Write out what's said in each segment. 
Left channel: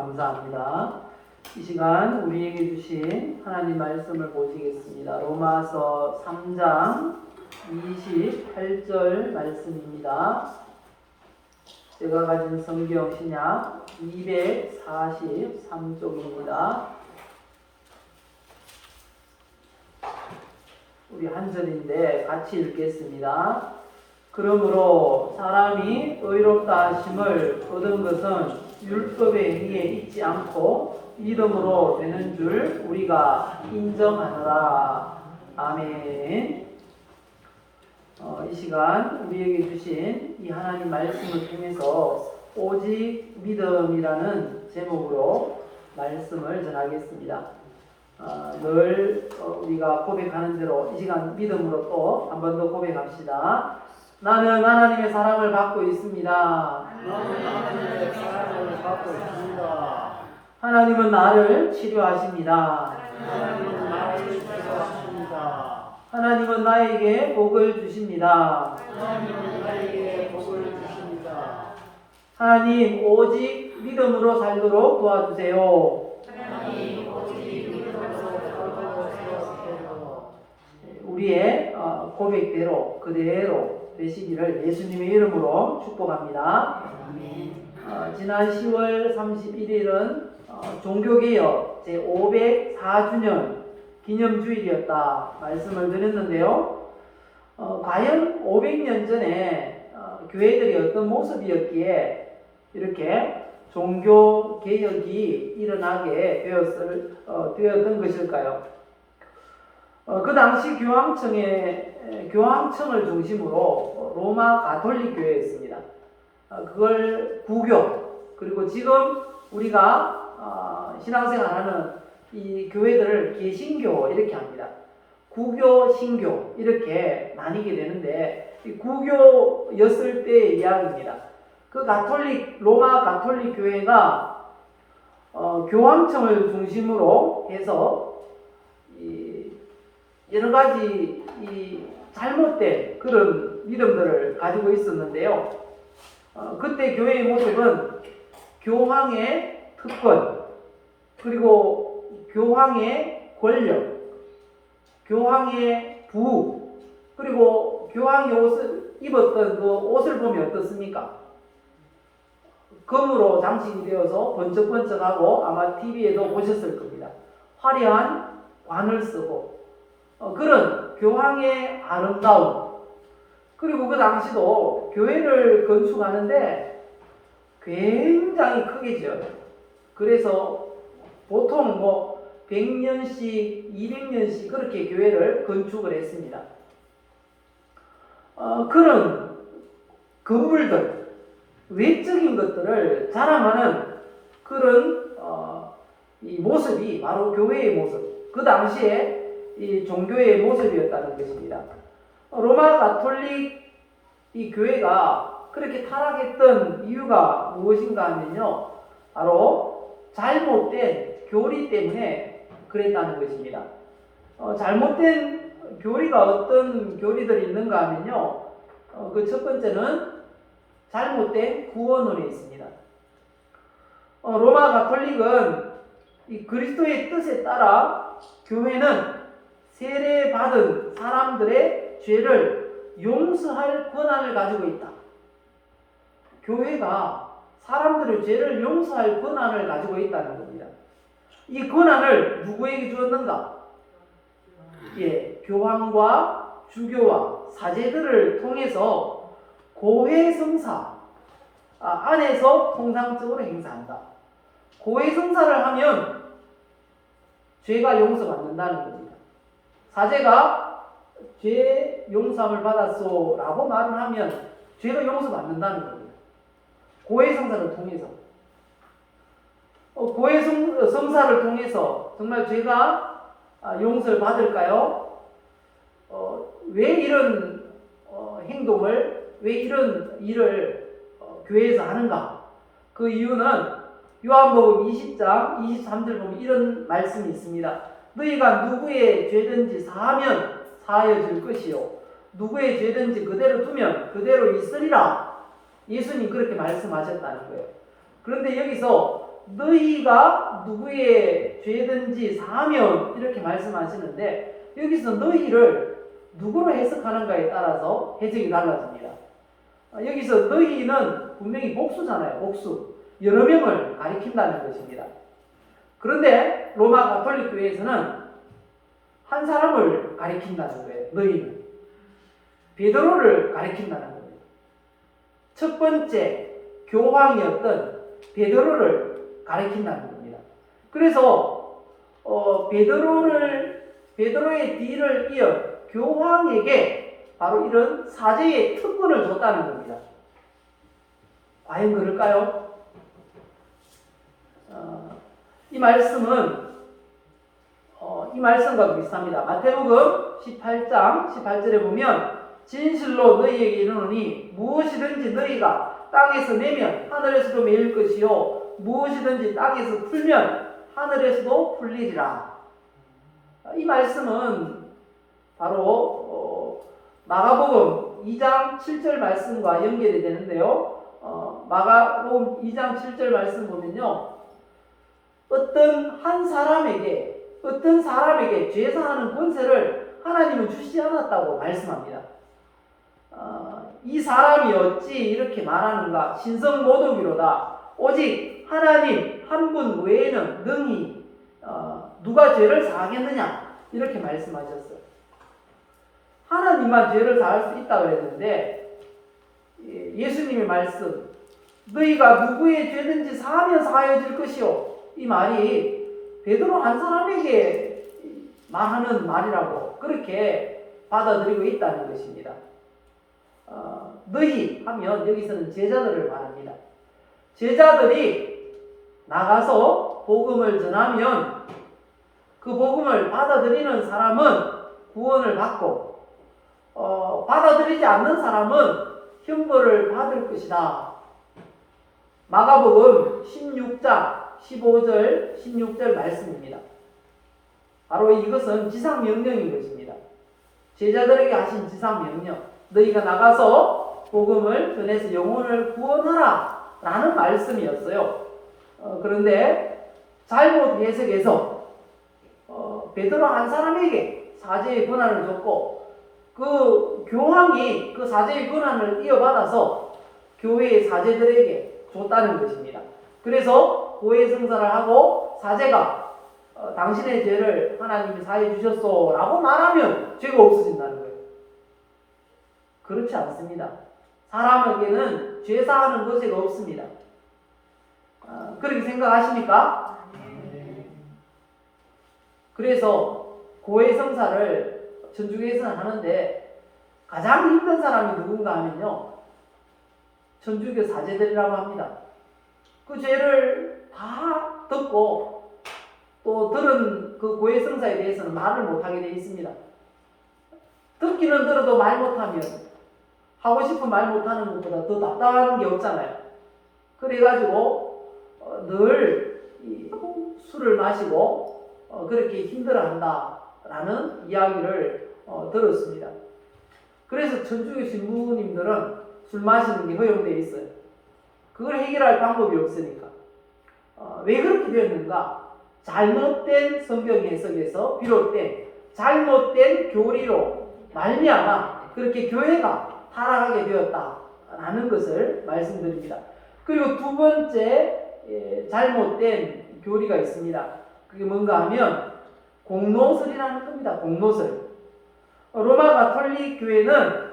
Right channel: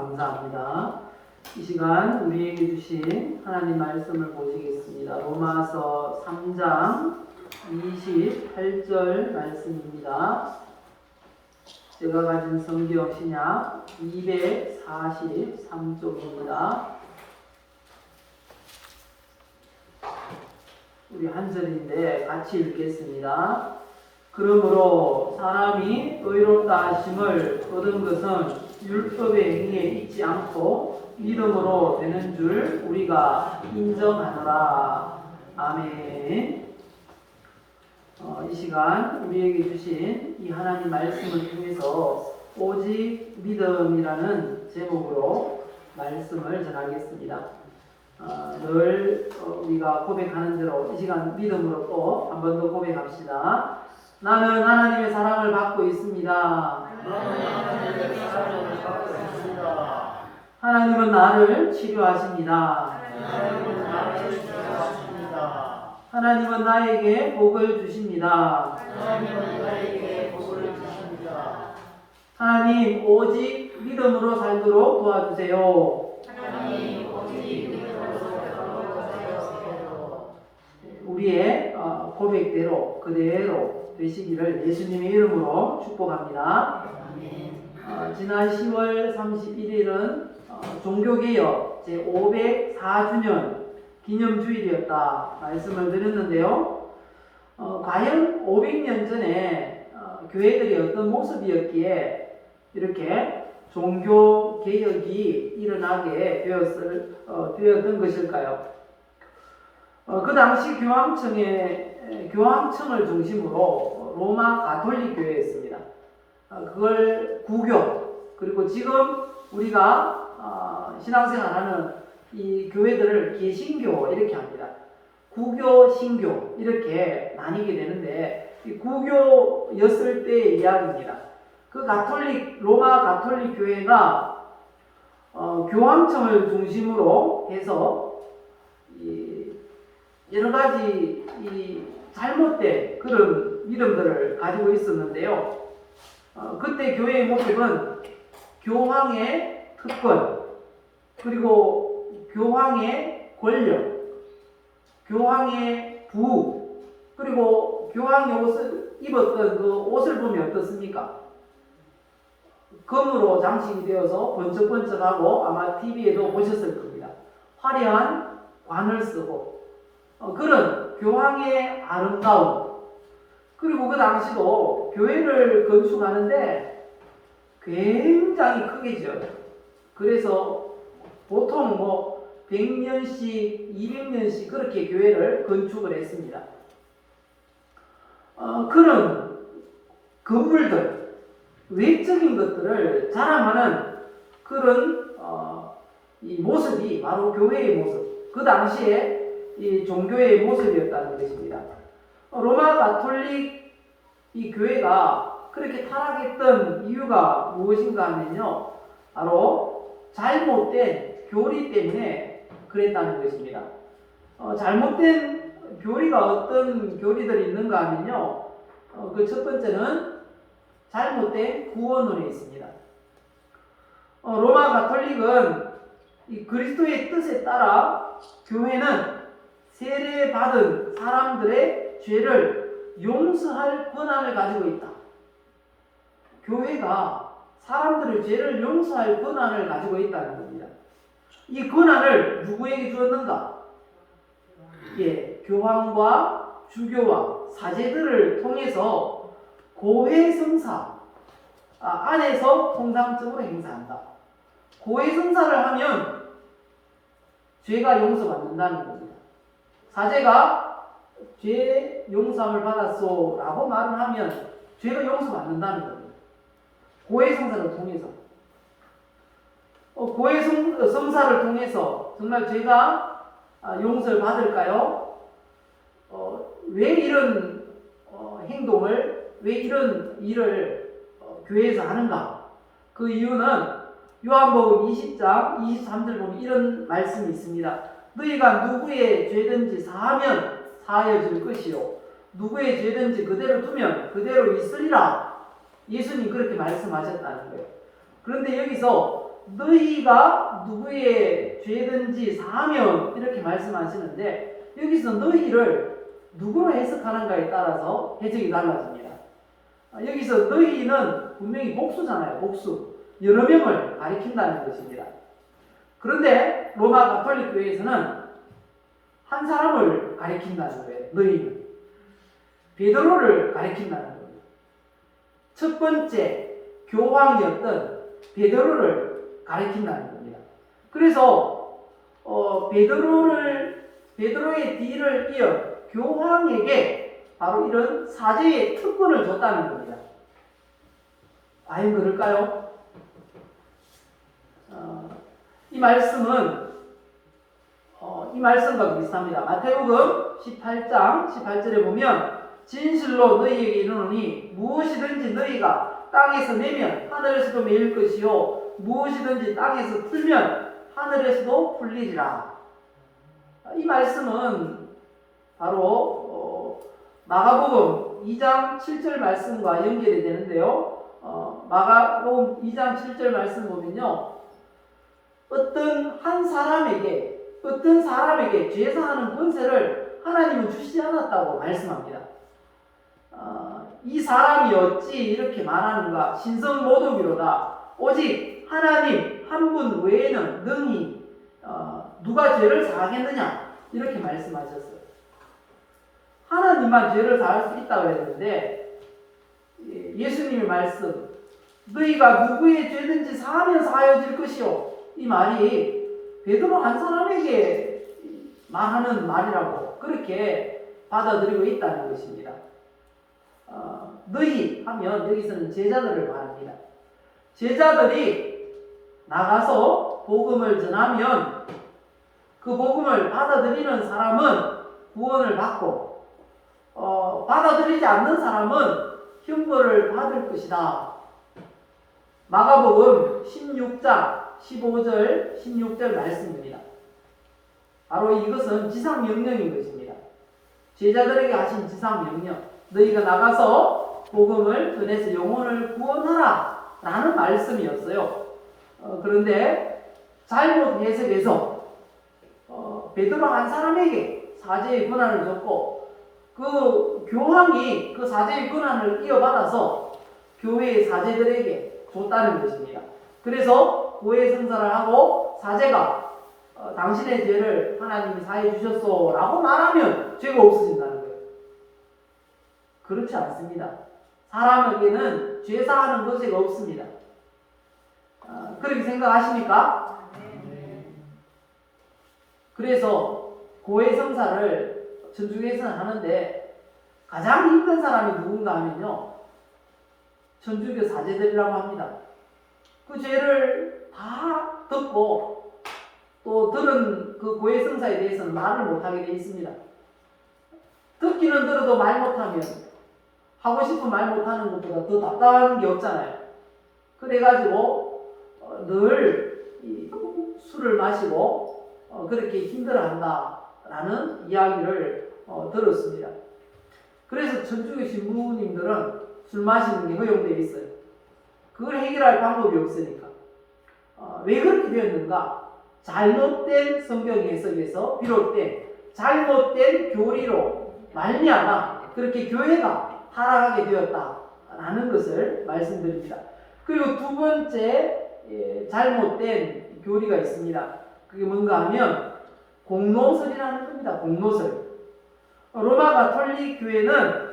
감사합니다. 이 시간 우리에게 주신 하나님 말씀을 보시겠습니다. 로마서 3장 28절 말씀입니다. 제가 가진 성경 신약 243쪽입니다. 우리 한 절인데 같이 읽겠습니다. 그러므로 사람이 의롭다 하심을 얻은 것은 율법의 위에 있지 않고 믿음으로 되는 줄 우리가 인정하노라. 아멘. 이 시간 우리에게 주신 이 하나님 말씀을 통해서 오직 믿음이라는 제목으로 말씀을 전하겠습니다. 늘 우리가 고백하는 대로 이 시간 믿음으로 또 한 번 더 고백합시다. 나는 하나님의 사랑을 받고 있습니다. 하나님은 나를 치료하십니다. 하나님은 나에게 복을 주십니다. 하나님 오직 믿음으로 살도록 도와주세요. 우리의 고백대로 그대로 되시기를 예수님의 이름으로 축복합니다. 지난 10월 31일은 종교개혁 제504주년 기념주일이었다 말씀을 드렸는데요. 과연 500년 전에 교회들이 어떤 모습이었기에 이렇게 종교개혁이 일어나게 되었던 것일까요? 그 당시 교황청을 중심으로 로마 가톨릭 교회였습니다. 그걸 구교, 그리고 지금 우리가 신앙생활하는 이 교회들을 개신교 이렇게 합니다. 구교, 신교 이렇게 나뉘게 되는데 이 구교였을 때의 이야기입니다. 그 로마 가톨릭 교회가 교황청을 중심으로 해서 여러 가지 잘못된 그런 믿음들을 가지고 있었는데요. 그때 교회의 모습은 교황의 특권, 그리고 교황의 권력, 교황의 부흥, 그리고 교황의 입었던 그 옷을 보면 어떻습니까? 금으로 장식이 되어서 번쩍번쩍하고 아마 TV에도 보셨을 겁니다. 화려한 관을 쓰고 그런 교황의 아름다움, 그리고 그 당시도 교회를 건축하는데 굉장히 크게 지어요. 그래서 보통 100년씩 200년씩 그렇게 교회를 건축을 했습니다. 그런 건물들, 외적인 것들을 자랑하는 그런 이 모습이 바로 교회의 모습, 그 당시에 이 종교의 모습이었다는 것입니다. 로마 가톨릭 이 교회가 그렇게 타락했던 이유가 무엇인가 하면요, 바로 잘못된 교리 때문에 그랬다는 것입니다. 잘못된 교리가 어떤 교리들이 있는가 하면요, 그 첫 번째는 잘못된 구원론이 있습니다. 로마 가톨릭은 이 그리스도의 뜻에 따라 교회는 세례받은 사람들의 죄를 용서할 권한을 가지고 있다. 교회가 사람들의 죄를 용서할 권한을 가지고 있다는 겁니다. 이 권한을 누구에게 주었는가? 교황과 주교와 사제들을 통해서 고해성사 안에서 통상적으로 행사한다. 고해성사를 하면 죄가 용서받는다는 겁니다. 사제가 죄 용서함을 받았소 라고 말을 하면 죄가 용서받는다는 겁니다. 고해성사를 통해서. 고해성사를 통해서 정말 죄가 용서를 받을까요? 왜 이런 행동을, 왜 이런 일을 교회에서 하는가? 그 이유는 요한복음 20장 23절 보면 이런 말씀이 있습니다. 너희가 누구의 죄든지 사하면 사하여 줄 것이요 누구의 죄든지 그대로 두면 그대로 있으리라. 예수님 그렇게 말씀하셨다는 거예요. 그런데 여기서 너희가 누구의 죄든지 사하면 이렇게 말씀하시는데 여기서 너희를 누구로 해석하는가에 따라서 해석이 달라집니다. 여기서 너희는 분명히 복수잖아요. 복수. 여러 명을 가리킨다는 것입니다. 그런데 로마 가톨릭 교회에서는 한 사람을 가리킨다는 거예요. 너희는. 베드로를 가리킨다는 거예요. 첫 번째 교황이었던 베드로를 가리킨다는 겁니다. 그래서 베드로의 뒤를 이어 교황에게 바로 이런 사제의 특권을 줬다는 겁니다. 과연 그럴까요? 이 말씀은 이 말씀과 비슷합니다. 마태복음 18장 18절에 보면 진실로 너희에게 이르노니 무엇이든지 너희가 땅에서 내면 하늘에서도 매일 것이요 무엇이든지 땅에서 풀면 하늘에서도 풀리리라. 이 말씀은 바로 마가복음 2장 7절 말씀과 연결이 되는데요. 마가복음 2장 7절 말씀 보면요. 어떤 사람에게 죄사하는 권세를 하나님은 주시지 않았다고 말씀합니다. 이 사람이 어찌 이렇게 말하는가? 신성모독이로다. 오직 하나님 한 분 외에는 능히 누가 죄를 사하겠느냐? 이렇게 말씀하셨어요. 하나님만 죄를 사할 수 있다고 했는데 예수님의 말씀 너희가 누구의 죄든지 사하면 사하여질 것이요. 이 말이 베드로 한 사람에게 말하는 말이라고 그렇게 받아들이고 있다는 것입니다. 너희 하면 여기서는 제자들을 말합니다. 제자들이 나가서 복음을 전하면 그 복음을 받아들이는 사람은 구원을 받고 받아들이지 않는 사람은 형벌을 받을 것이다. 마가복음 16장 15절 16절 말씀입니다. 바로 이것은 지상명령인 것입니다. 제자들에게 하신 지상명령 너희가 나가서 복음을 전해서 영혼을 구원하라 라는 말씀이었어요. 그런데 잘못 해석해서 베드로 한 사람에게 사제의 권한을 줬고 그 교황이 그 사제의 권한을 이어받아서 교회의 사제들에게 줬다는 것입니다. 그래서 고해 성사를 하고 사제가 당신의 죄를 하나님이 사해 주셨소 라고 말하면 죄가 없어진다는 거예요. 그렇지 않습니다. 사람에게는 죄 사하는 것이 없습니다. 그렇게 생각하십니까? 그래서 고해 성사를 천주교에서는 하는데 가장 힘든 사람이 누군가 하면요. 천주교 사제들이라고 합니다. 그 죄를 다 듣고 또 들은 그 고해 성사에 대해서는 말을 못하게 되어 있습니다. 듣기는 들어도 말 못하면 하고 싶은 말 못하는 것보다 더 답답한 게 없잖아요. 그래가지고 늘 술을 마시고 그렇게 힘들어한다라는 이야기를 들었습니다. 그래서 천주교 신부님들은 술 마시는 게 허용되어 있어요. 그걸 해결할 방법이 없으니까. 왜 그렇게 되었는가? 잘못된 성경 해석에서 비롯된 잘못된 교리로 말미암아 그렇게 교회가 타락하게 되었다라는 것을 말씀드립니다. 그리고 두 번째 잘못된 교리가 있습니다. 그게 뭔가 하면 공로설이라는 겁니다. 공로설. 로마 가톨릭 교회는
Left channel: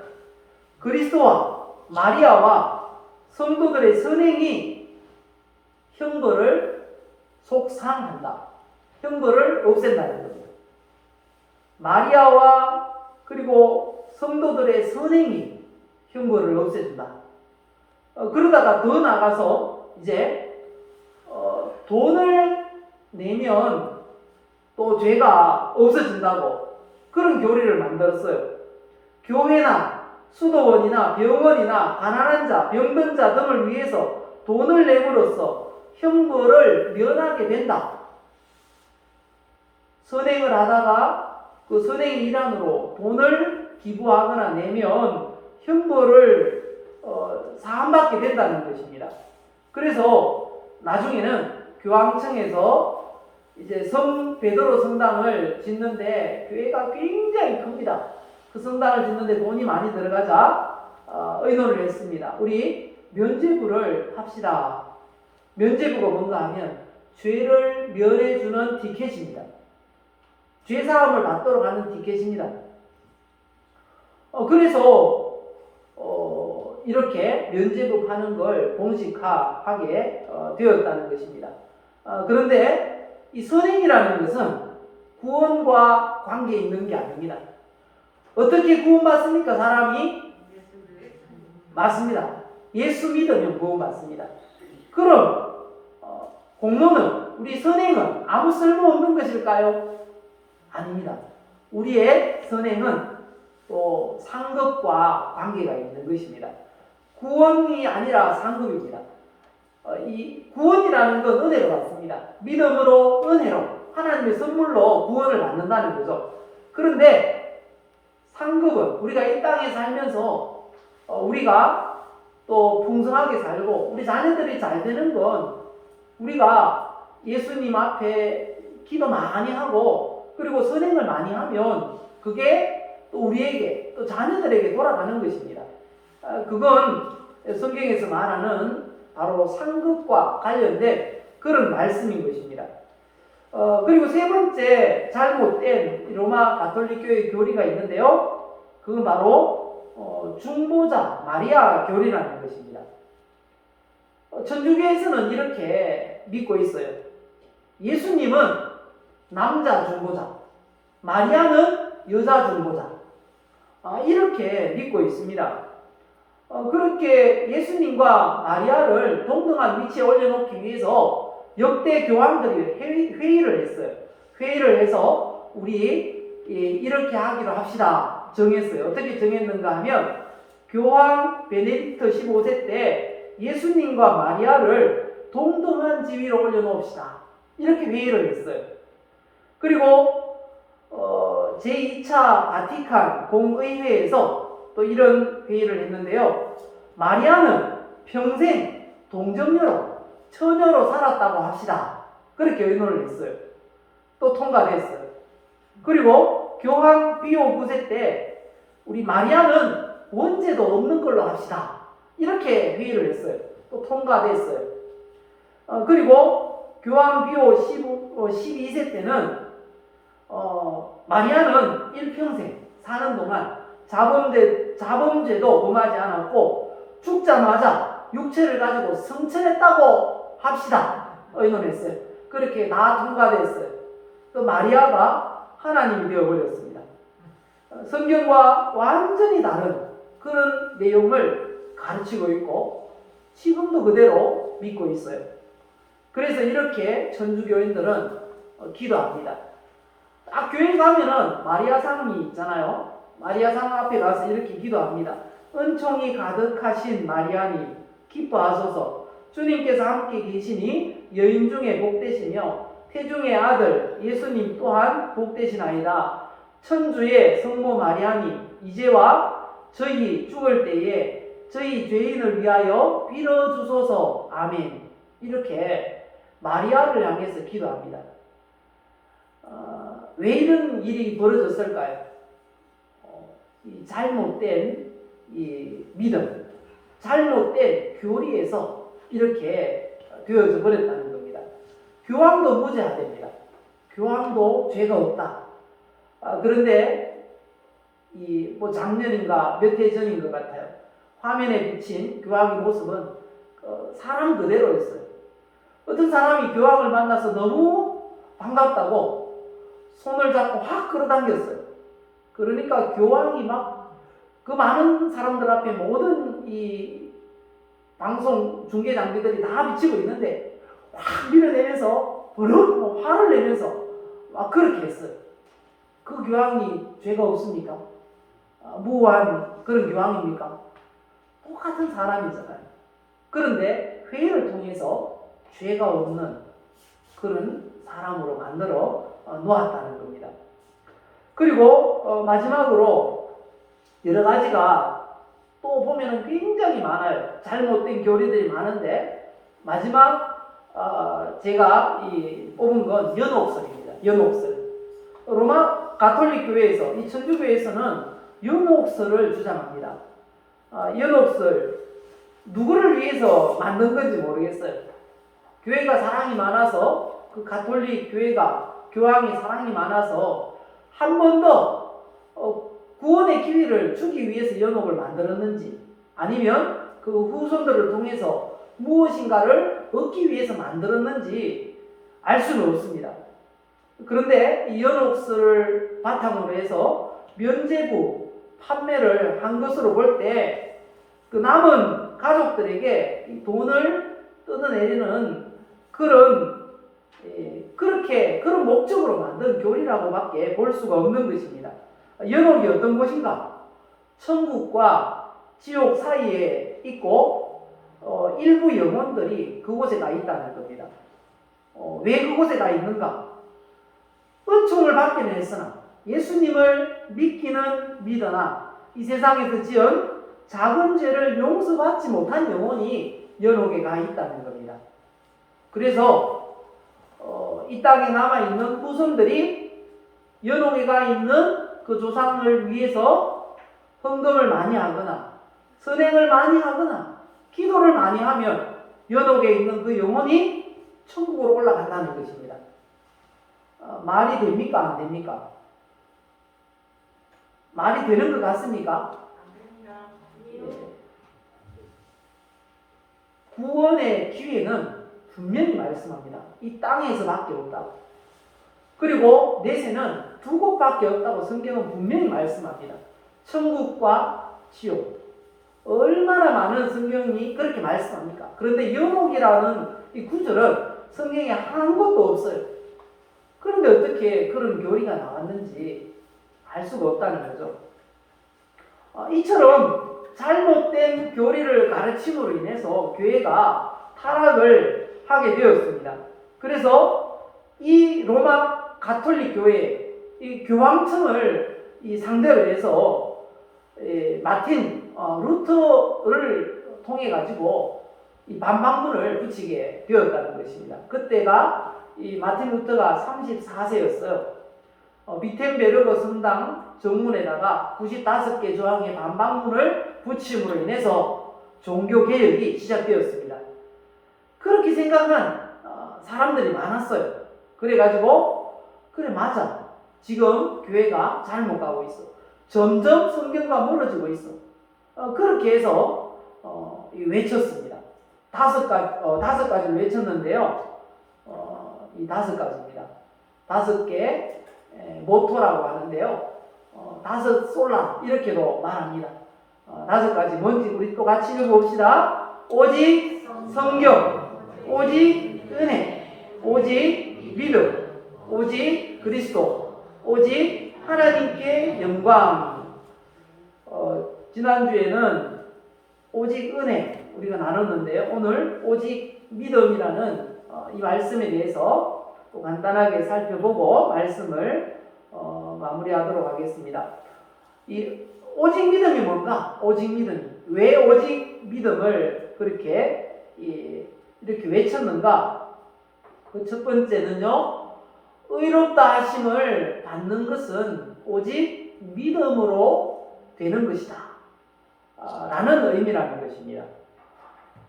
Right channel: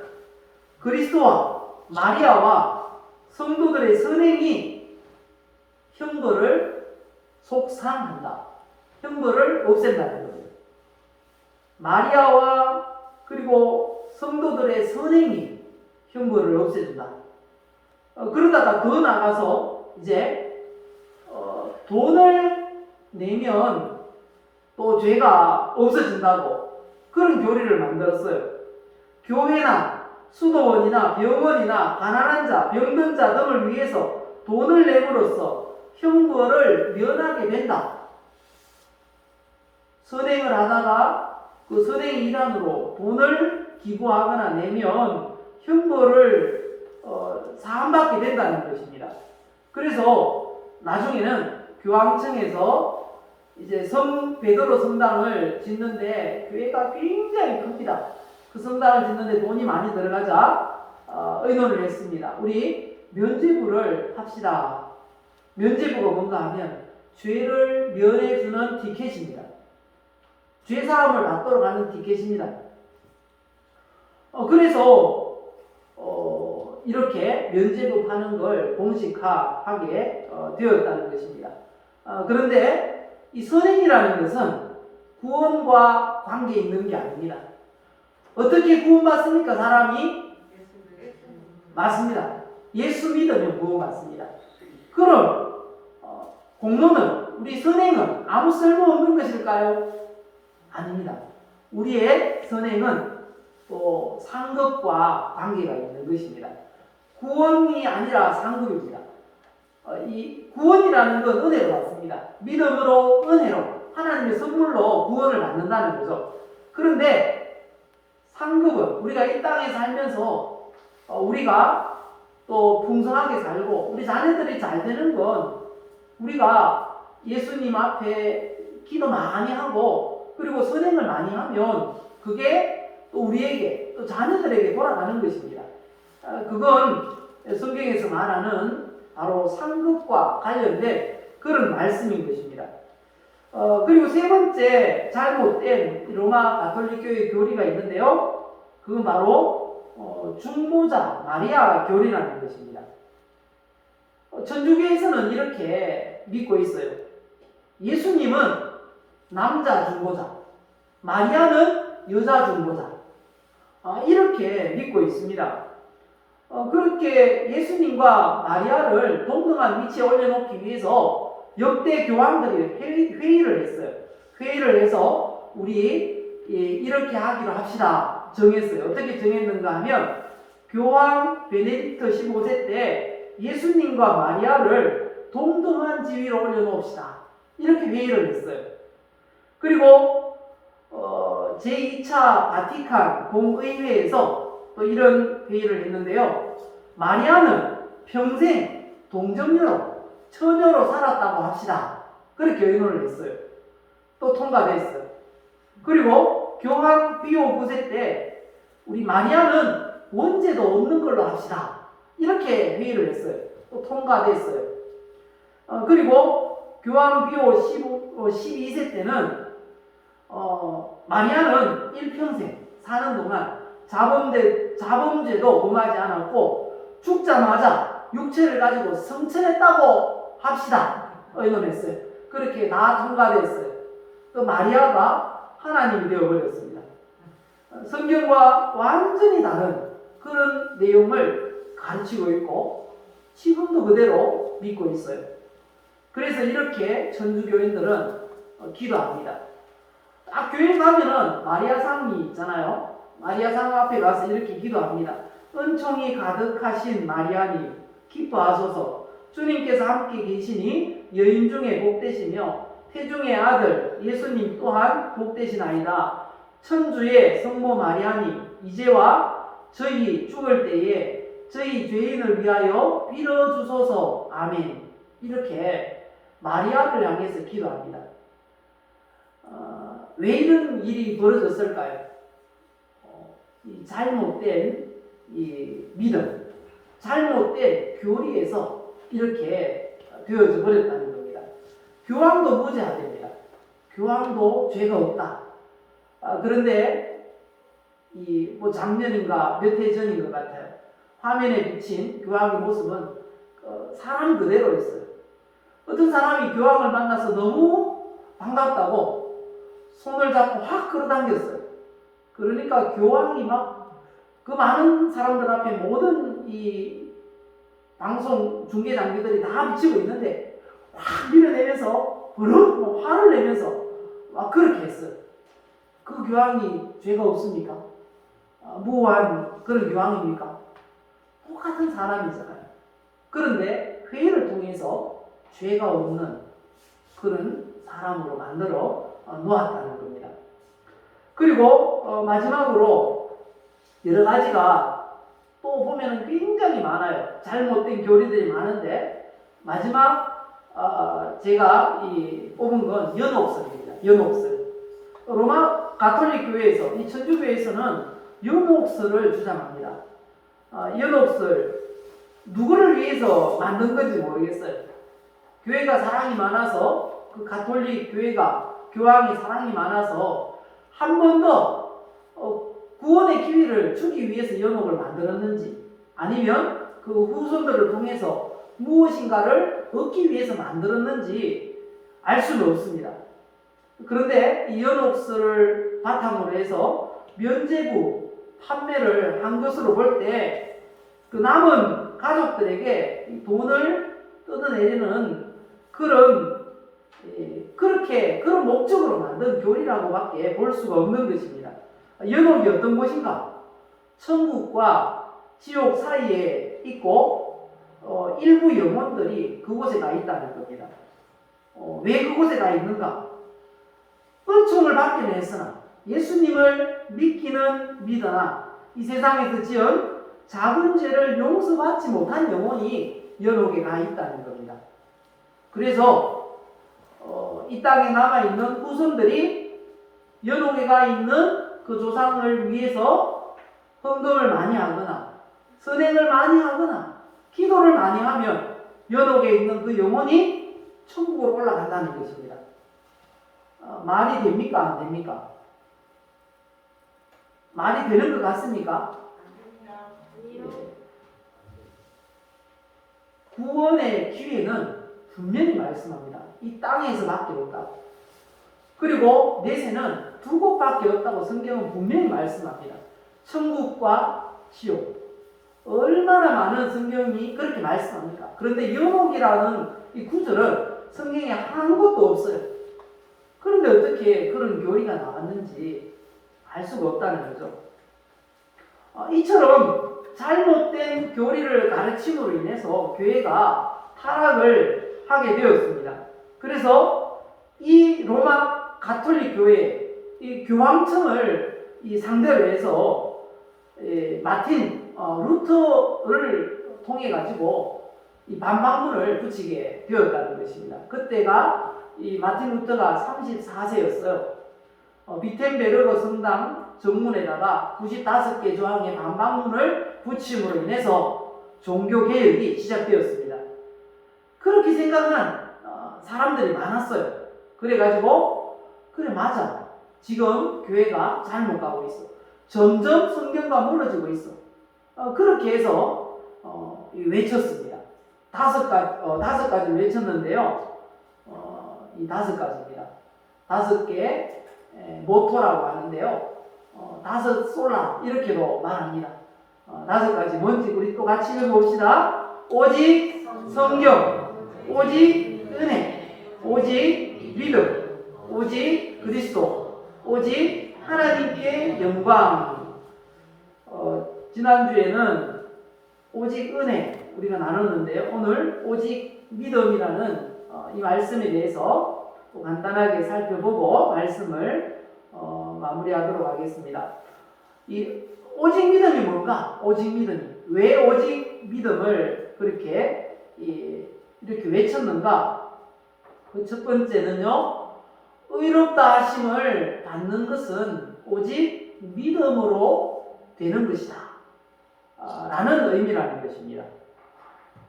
그리스도와 마리아와 성도들의 선행이 형벌을 속상한다. 형벌을 없앤다는 거예요. 마리아와 그리고 성도들의 선행이 형벌을 없애준다. 그러다가 더 나가서 이제 돈을 내면 또 죄가 없어진다고 그런 교리를 만들었어요. 교회나 수도원이나 병원이나 가난한 자, 병든 자 등을 위해서 돈을 내므로써 형벌을 면하게 된다. 선행을 하다가 그 선행의 일환으로 돈을 기부하거나 내면 형벌을 사함받게 된다는 것입니다. 그래서 나중에는 교황청에서 이제 성 베드로 성당을 짓는데 교회가 굉장히 큽니다. 그 성당을 짓는데 돈이 많이 들어가자 의논을 했습니다. 우리 면죄부를 합시다. 면죄부가 뭔가 하면 죄를 면해주는 티켓입니다. 죄사함을 받도록 하는 티켓입니다. 그래서 이렇게 면죄부 하는 걸 공식화하게 되었다는 것입니다. 그런데 이 선행이라는 것은 구원과 관계 있는 게 아닙니다. 어떻게 구원받습니까? 사람이? 맞습니다. 예수 믿으면 구원받습니다. 그럼 공로는, 우리 선행은 아무 쓸모없는 것일까요? 아닙니다. 우리의 선행은 또 상급과 관계가 있는 것입니다. 구원이 아니라 상급입니다. 이 구원이라는 건 은혜로 받습니다. 믿음으로, 은혜로, 하나님의 선물로 구원을 받는다는 거죠. 그런데 상급은 우리가 이 땅에 살면서 우리가 또 풍성하게 살고 우리 자녀들이 잘 되는 건 우리가 예수님 앞에 기도 많이 하고 그리고 선행을 많이 하면 그게 또 우리에게 또 자녀들에게 돌아가는 것입니다. 그건 성경에서 말하는 바로 상급과 관련된 그런 말씀인 것입니다. 그리고 세 번째 잘못된 로마 가톨릭 교회 교리가 있는데요. 그건 바로 중보자 마리아 교리라는 것입니다. 천주교에서는 이렇게 믿고 있어요. 예수님은 남자 중보자, 마리아는 여자 중보자. 이렇게 믿고 있습니다. 그렇게 예수님과 마리아를 동등한 위치에 올려놓기 위해서 역대 교황들이 회의를 했어요. 회의를 해서 우리 이렇게 하기로 합시다 정했어요. 어떻게 정했는가 하면 교황 베네딕트 15세 때 예수님과 마리아를 동등한 지위로 올려놓읍시다. 이렇게 회의를 했어요. 그리고 제2차 바티칸 공의회에서 또 이런 회의를 했는데요. 마리아는 평생 동정녀로, 처녀로 살았다고 합시다. 그렇게 의논을 했어요. 또 통과됐어요. 그리고 교황 비오 9세 때 우리 마리아는 원죄도 없는 걸로 합시다. 이렇게 회의를 했어요. 또 통과됐어요. 그리고 교황 비오 12세 때는 마리아는 일평생 사는 동안 자범죄도 범하지 않았고 죽자마자 육체를 가지고 성천했다고 합시다. 의논했어요. 그렇게 다 통과됐어요. 또 마리아가 하나님이 되어버렸습니다. 성경과 완전히 다른 그런 내용을 가르치고 있고 지금도 그대로 믿고 있어요. 그래서 이렇게 천주교인들은 기도합니다. 딱 교회 가면은 마리아상이 있잖아요. 마리아상 앞에 가서 이렇게 기도합니다. 은총이 가득하신 마리아님 기뻐하소서. 주님께서 함께 계시니 여인 중에 복되시며 태중의 아들 예수님 또한 복되시나이다. 천주의 성모 마리아님 이제와 저희 죽을 때에 저희 죄인을 위하여 빌어주소서. 아멘. 이렇게 마리아를 향해서 기도합니다. 왜 이런 일이 벌어졌을까요? 이 잘못된 이 믿음, 잘못된 교리에서 이렇게 되어져 버렸다는 겁니다. 교황도 무죄하됩니다. 교황도 죄가 없다. 그런데 뭐 작년인가 몇 해 전인 것 같아요. 화면에 비친 교황의 모습은 사람 그대로였어요. 어떤 사람이 교황을 만나서 너무 반갑다고 손을 잡고 확 끌어당겼어요. 그러니까 교황이 막 그 많은 사람들 앞에 모든 이 방송 중계 장비들이 다 비치고 있는데 확 밀어내면서 버럭 화를 내면서 막 그렇게 했어요. 그 교황이 죄가 없습니까? 무한 그런 교황입니까? 똑같은 사람이잖아요. 그런데 회의를 통해서 죄가 없는 그런 사람으로 만들어 놓았다는 겁니다. 그리고 마지막으로 여러 가지가 또 보면 굉장히 많아요. 잘못된 교리들이 많은데 마지막 제가 뽑은 건 연옥설입니다. 연옥설. 로마 가톨릭 교회에서, 이 천주교에서는 연옥설을 주장합니다. 연옥설, 누구를 위해서 만든 건지 모르겠어요. 교회가 사랑이 많아서, 그 가톨릭 교회가, 교황이 사랑이 많아서 한 번 더 구원의 기회를 주기 위해서 연옥을 만들었는지, 아니면 그 후손들을 통해서 무엇인가를 얻기 위해서 만들었는지 알 수는 없습니다. 그런데 이 연옥설을 바탕으로 해서 면죄부 판매를 한 것으로 볼 때 그 남은 가족들에게 돈을 뜯어내리는 그런 목적으로 만든 교리라고밖에 볼 수가 없는 것입니다. 연옥이 어떤 것인가? 천국과 지옥 사이에 있고 일부 영혼들이 그곳에 가 있다는 겁니다. 왜 그곳에 가 있는가? 은총을 받기는 했으나 예수님을 믿기는 믿으나 이 세상에서 지은 작은 죄를 용서받지 못한 영혼이 연옥에 가 있다는 겁니다. 그래서 이 땅에 남아있는 후손들이 연옥에 가 있는 그 조상을 위해서 헌금을 많이 하거나 선행을 많이 하거나 기도를 많이 하면 연옥에 있는 그 영혼이 천국으로 올라간다는 것입니다. 말이 됩니까? 안 됩니까? 말이 되는 것 같습니까? 네. 구원의 기회는 분명히 말씀합니다. 이 땅에서밖에 없다고. 그리고 내세는 두 곳밖에 없다고 성경은 분명히 말씀합니다. 천국과 지옥. 얼마나 많은 성경이 그렇게 말씀합니까? 그런데 연옥이라는 이 구절은 성경에 한 곳도 없어요. 그런데 어떻게 그런 교리가 나왔는지 알 수가 없다는 거죠. 이처럼 잘못된 교리를 가르침으로 인해서 교회가 타락을 하게 되었습니다. 그래서 이 로마 가톨릭 교회, 이 교황청을 상대로 해서 마틴 루터를 통해 가지고 이 반박문을 붙이게 되었다는 것입니다. 그때가 이 마틴 루터가 34세였어요. 비텐베르그 성당 정문에다가 95개 조항의 반박문을 붙임으로 인해서 종교개혁이 시작되었습니다. 그렇게 생각한 사람들이 많았어요. 그래가지고 그래 맞아. 지금 교회가 잘못 가고 있어. 점점 성경과 멀어지고 있어. 그렇게 해서 외쳤습니다. 다섯 가지를 외쳤는데요. 이 5가지입니다. 5개 모토라고 하는데요. 5 솔라 이렇게도 말합니다. 5가지 뭔지 우리 또 같이 읽어봅시다. 오직 성경, 오직 은혜, 오직 믿음, 오직 그리스도, 오직 하나님께 영광. 지난주에는 오직 은혜 우리가 나눴는데요. 오늘 오직 믿음이라는 이 말씀에 대해서 또 간단하게 살펴보고 말씀을 마무리하도록 하겠습니다. 이 오직 믿음이 뭔가? 오직 믿음이 왜 오직 믿음을 그렇게 이렇게 외쳤는가? 그 첫 번째는요, 의롭다 하심을 받는 것은 오직 믿음으로 되는 것이다 라는 의미라는 것입니다.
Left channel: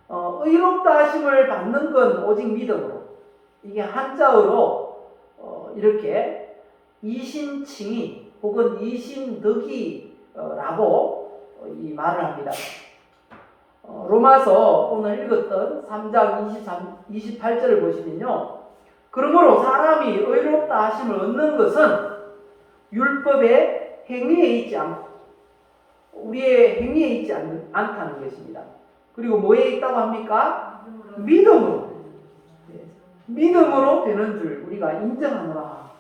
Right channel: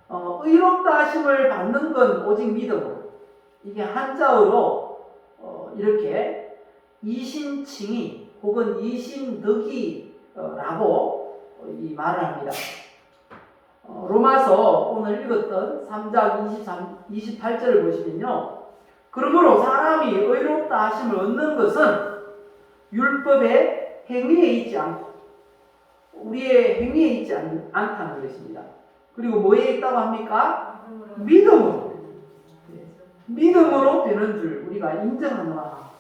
의롭다 하심을 받는 건 오직 믿음으로. 이게 한자어로 이렇게 이신칭의 혹은 이신덕이라고 이 말을 합니다. 로마서 오늘 읽었던 3장 28절을 보시면요. 그러므로 사람이 의롭다 하심을 얻는 것은 율법의 행위에 있지 않고 우리의 행위에 있지 않다는 것입니다. 그리고 뭐에 있다고 합니까? 믿음으로. 믿음으로 되는 줄 우리가 인정하노라.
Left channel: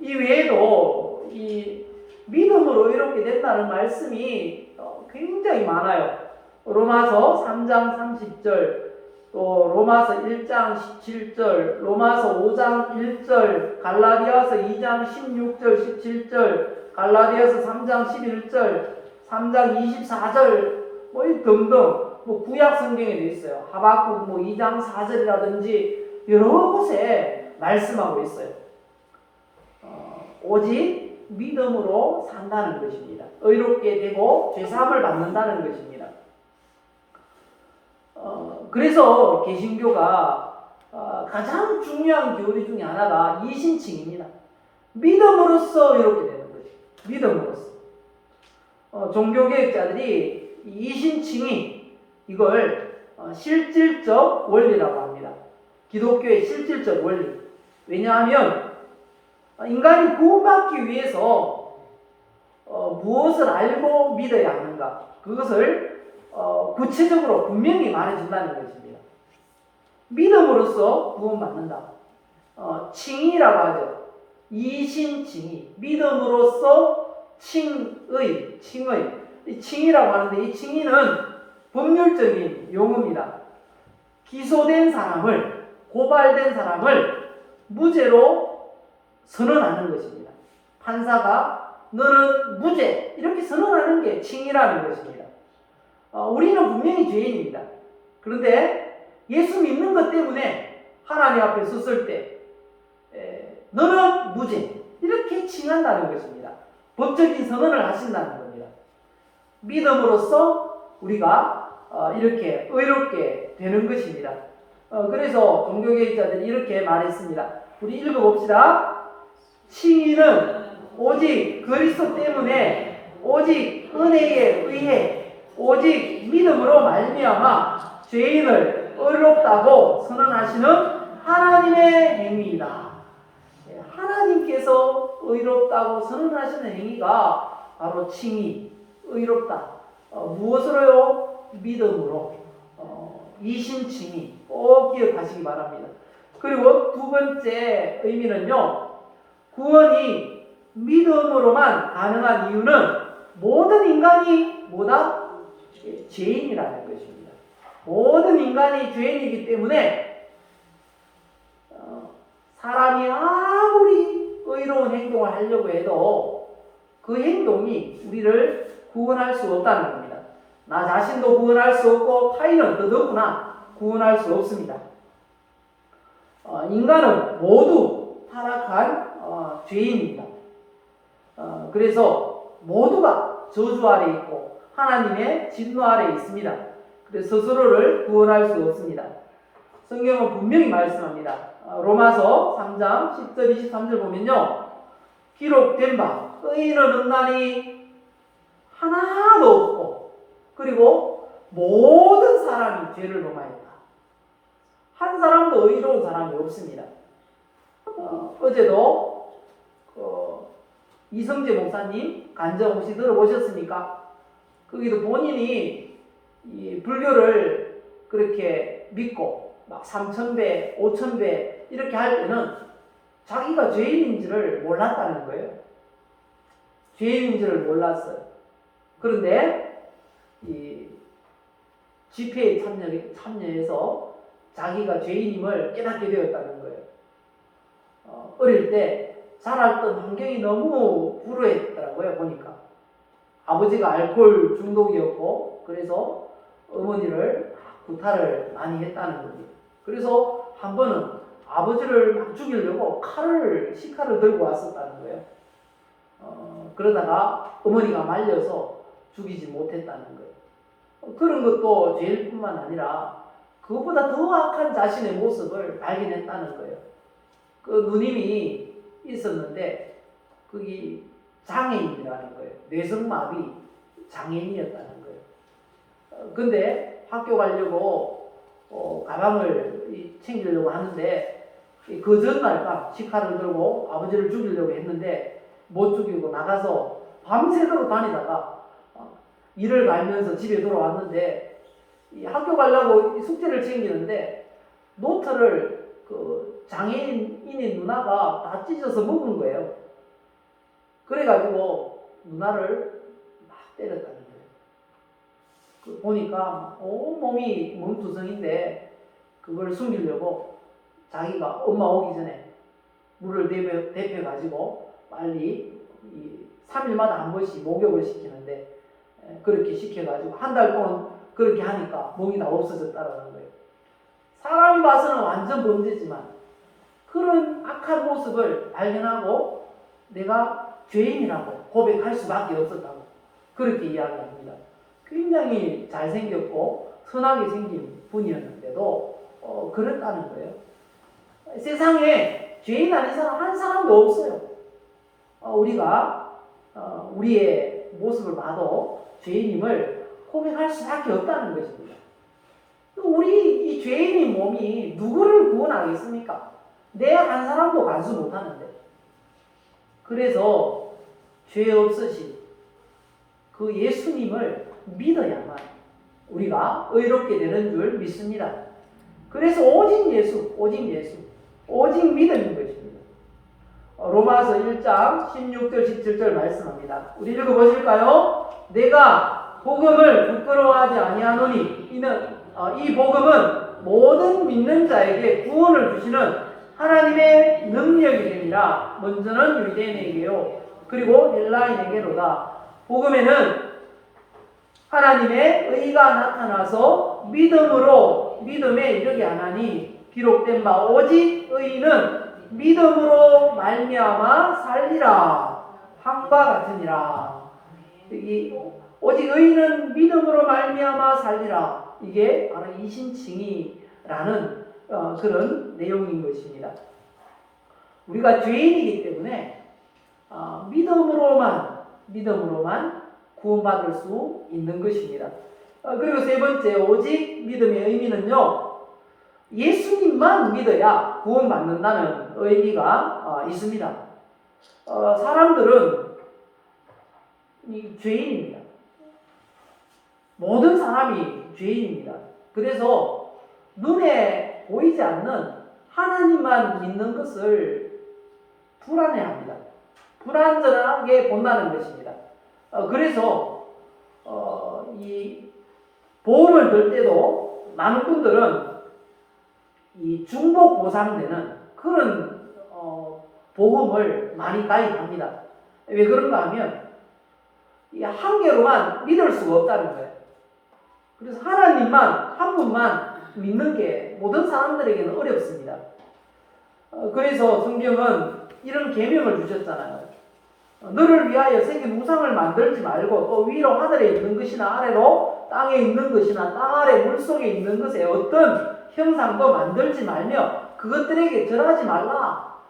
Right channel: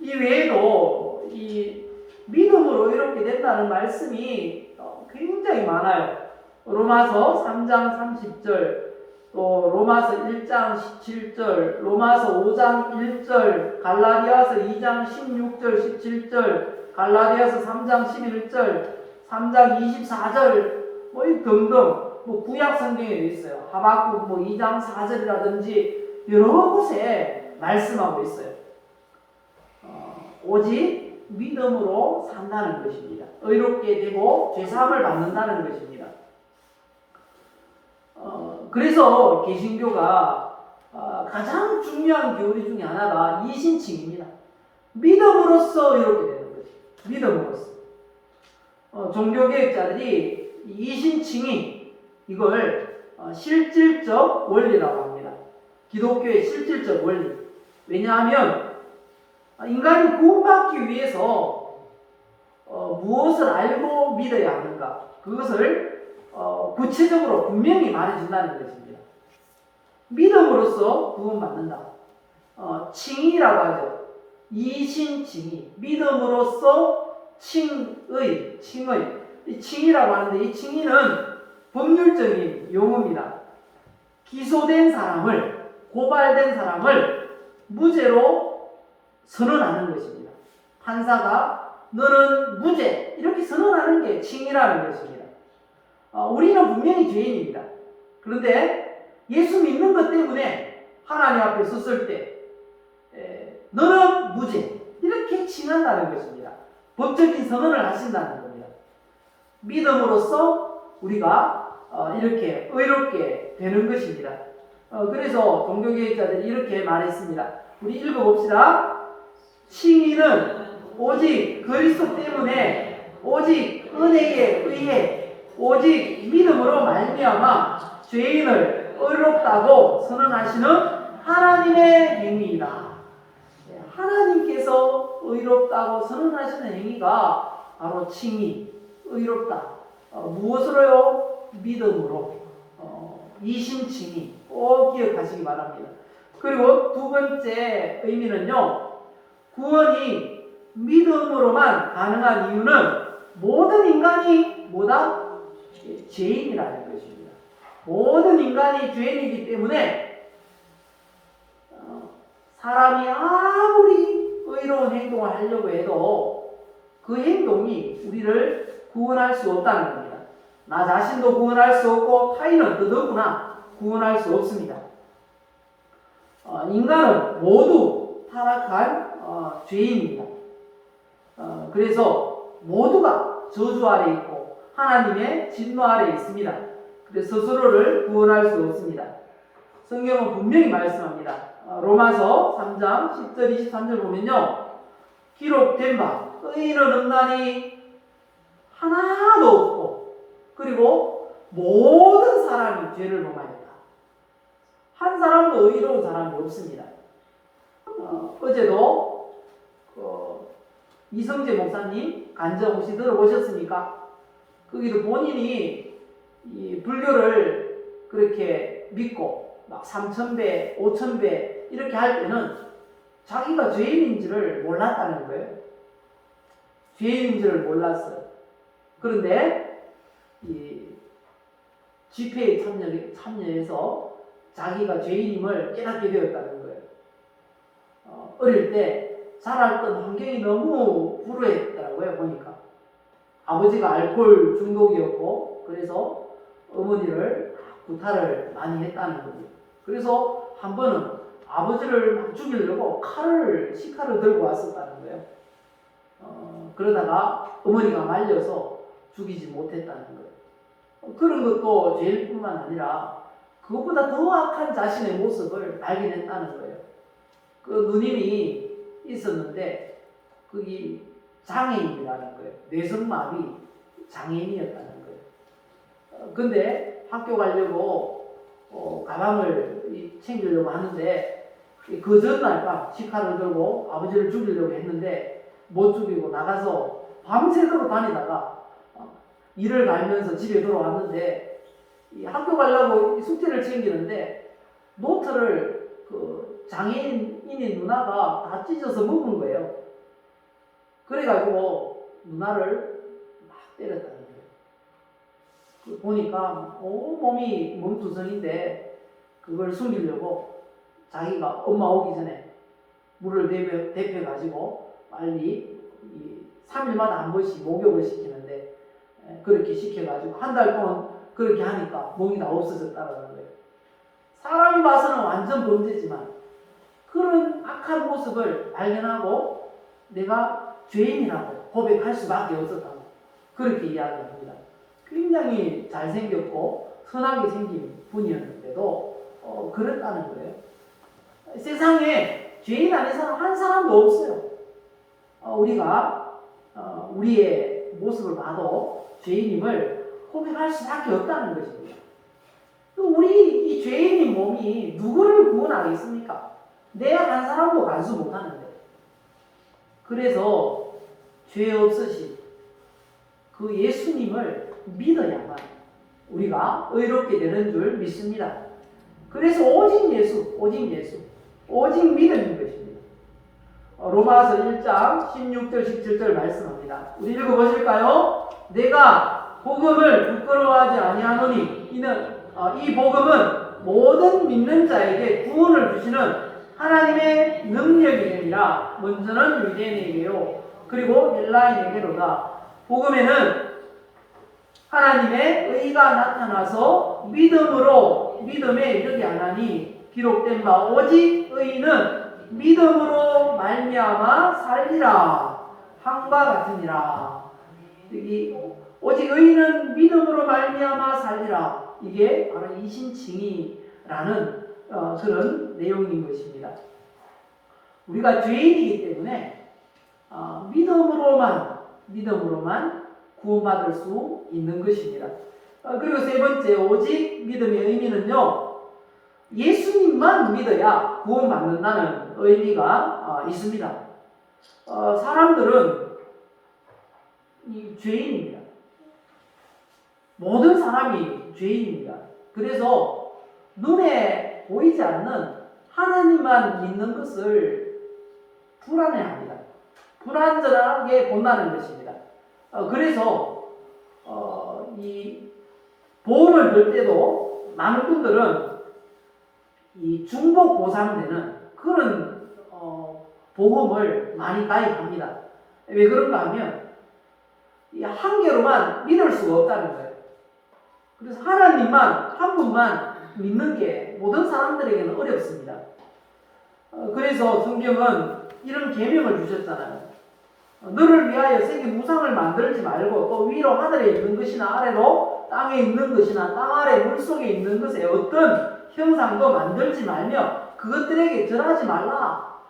이 외에도 이 믿음으로 이렇게 된다는 말씀이 굉장히 많아요. 로마서 3장 30절, 또 로마서 1장 17절, 로마서 5장 1절, 갈라디아서 2장 16절 17절, 갈라디아서 3장 11절, 3장 24절, 뭐 등등 구약 성경에도 있어요. 하박국 2장 4절이라든지 여러 곳에 말씀하고 있어요. 오직 믿음으로 산다는 것입니다. 의롭게 되고 죄사함을 받는다는 것입니다. 그래서 개신교가 가장 중요한 교리 중에 하나가 이신칭입니다. 믿음으로써 이렇게 되는 거죠. 믿음으로써. 종교개혁자들이 이신칭이 이걸 실질적 원리라고 합니다. 기독교의 실질적 원리. 왜냐하면 인간이 구원받기 위해서 무엇을 알고 믿어야 하는가, 그것을 구체적으로 분명히 말해준다는 것입니다. 믿음으로써 구원받는다. 칭의라고 하죠. 이신칭의. 믿음으로써 칭의. 이 칭의라고 하는데, 이 칭의는 법률적인 용어입니다. 기소된 사람을, 고발된 사람을 무죄로 선언하는 것입니다. 판사가 너는 무죄 이렇게 선언하는 게 칭의라는 것입니다. 우리는 분명히 죄인입니다. 그런데 예수 믿는 것 때문에 하나님 앞에 섰을 때 너는 무죄 이렇게 칭한다는 것입니다. 법적인 선언을 하신다는 겁니다. 믿음으로써 우리가 이렇게 의롭게 되는 것입니다. 그래서 종교개혁자들이 이렇게 말했습니다. 우리 읽어봅시다. 칭의는 오직 그리스도 때문에, 오직 은혜에 의해, 오직 믿음으로 말미암아 죄인을 의롭다고 선언하시는 하나님의 행위이다. 하나님께서 의롭다고 선언하시는 행위가 바로 칭의, 의롭다. 무엇으로요? 믿음으로. 이신칭의 꼭 기억하시기 바랍니다. 그리고 두 번째 의미는요, 구원이 믿음으로만 가능한 이유는 모든 인간이 뭐다? 죄인이라는 것입니다. 모든 인간이 죄인이기 때문에 사람이 아무리 의로운 행동을 하려고 해도 그 행동이 우리를 구원할 수 없다는 겁니다. 나 자신도 구원할 수 없고 타인은 더더구나 구원할 수 없습니다. 인간은 모두 타락한 죄인입니다. 그래서 모두가 저주 아래 있고 하나님의 진노 아래 있습니다. 그래서 스스로를 구원할 수 없습니다. 성경은 분명히 말씀합니다. 로마서 3장 10절 23절 보면요, 기록된 바 의인은 없나니 하나도 없고 그리고 모든 사람이 죄를 범하였다. 한 사람도 의로운 사람이 없습니다. 어제도 이성재 목사님 간증 혹시 들어보셨습니까? 거기도 본인이 이 불교를 그렇게 믿고 막 3,000배, 5,000배 이렇게 할 때는 자기가 죄인인지를 몰랐다는 거예요. 죄인인지를 몰랐어요. 그런데 이 집회에 참여해서 자기가 죄인임을 깨닫게 되었다는 거예요. 어릴 때 자랐던 환경이 너무 불우했더라고요. 보니까 아버지가 알코올 중독이었고 그래서 어머니를 구타를 많이 했다는 겁니다. 그래서 한 번은 아버지를 막 죽이려고 식칼을 들고 왔었다는 거예요. 그러다가 어머니가 말려서 죽이지 못했다는 거예요. 그런 것도 죄일뿐만 아니라 그것보다 더 악한 자신의 모습을 발견했다는 거예요. 그 누님이 있었는데 그게 장애인이라는 거예요. 뇌성마비 장애인이었다는 거예요. 근데 학교 가려고 가방을 챙기려고 하는데 그 전날 밤 식칼을 들고 아버지를 죽이려고 했는데 못 죽이고 나가서 밤새도록 다니다가 일을 갈면서 집에 돌아왔는데 학교 가려고 숙제를 챙기는데 노트를 그 장애인인 누나가 다 찢어서 먹은 거예요. 그래가지고 누나를 막 때렸다는 거예요. 보니까 온 몸이 몸투성인데 그걸 숨기려고 자기가 엄마 오기 전에 물을 데펴가지고 빨리 3일마다 한 번씩 목욕을 시키는데 그렇게 시켜가지고 한 달 동안 그렇게 하니까 몸이 다 없어졌다는 거예요. 사람이 봐서는 완전 범죄지만 그런 악한 모습을 발견하고 내가 죄인이라고 고백할 수밖에 없었다고 그렇게 이야기합니다. 굉장히 잘생겼고 선하게 생긴 분이었는데도 그랬다는 거예요. 세상에 죄인 아닌 사람 한 사람도 없어요. 우리가 우리의 모습을 봐도 죄인임을 고백할 수밖에 없다는 것입니다. 우리 이 죄인인 몸이 누구를 구원하겠습니까? 내 한 사람도 간수 못하는데. 그래서 죄 없으신 그 예수님을 믿어야만 우리가 의롭게 되는 줄 믿습니다. 그래서 오직 예수, 오직 믿음인 것입니다. 로마서 1장 16절 17절 말씀합니다. 우리 읽어보실까요? 내가 복음을 부끄러워하지 아니하노니 이는 이 복음은 모든 믿는 자에게 구원을 주시는 하나님의 능력이 되니라. 먼저는 유대인에게요 그리고 헬라인에게로다. 복음에는 하나님의 의가 나타나서 믿음에 이르게 하나니 기록된 바 오직 의인은 믿음으로 말미암아 살리라 한과 같으니라. 여기 오직 의인은 믿음으로 말미암아 살리라. 이게 바로 이신칭의라는 그런 내용인 것입니다. 우리가 죄인이기 때문에 믿음으로만 구원받을 수 있는 것입니다. 그리고 세 번째, 오직 믿음의 의미는요, 예수님만 믿어야 구원받는다는 의미가 있습니다. 사람들은 죄인입니다. 모든 사람이 죄인입니다. 그래서 눈에 보이지 않는 하나님만 믿는 것을 불안해합니다. 불안전하게 본다는 것입니다. 그래서 이 보험을 들 때도 많은 분들은 이 중복 보상되는 그런 보험을 많이 가입합니다. 왜 그런가 하면 이 한 개로만 믿을 수가 없다는 거예요. 그래서 하나님만 한 분만 믿는 게 모든 사람들에게는 어렵습니다. 그래서 성경은 이런 계명을 주셨잖아요. 너를 위하여 생긴 우상을 만들지 말고 또 위로 하늘에 있는 것이나 아래로 땅에 있는 것이나 땅 아래 물속에 있는 것에 어떤 형상도 만들지 말며 그것들에게 절하지 말라.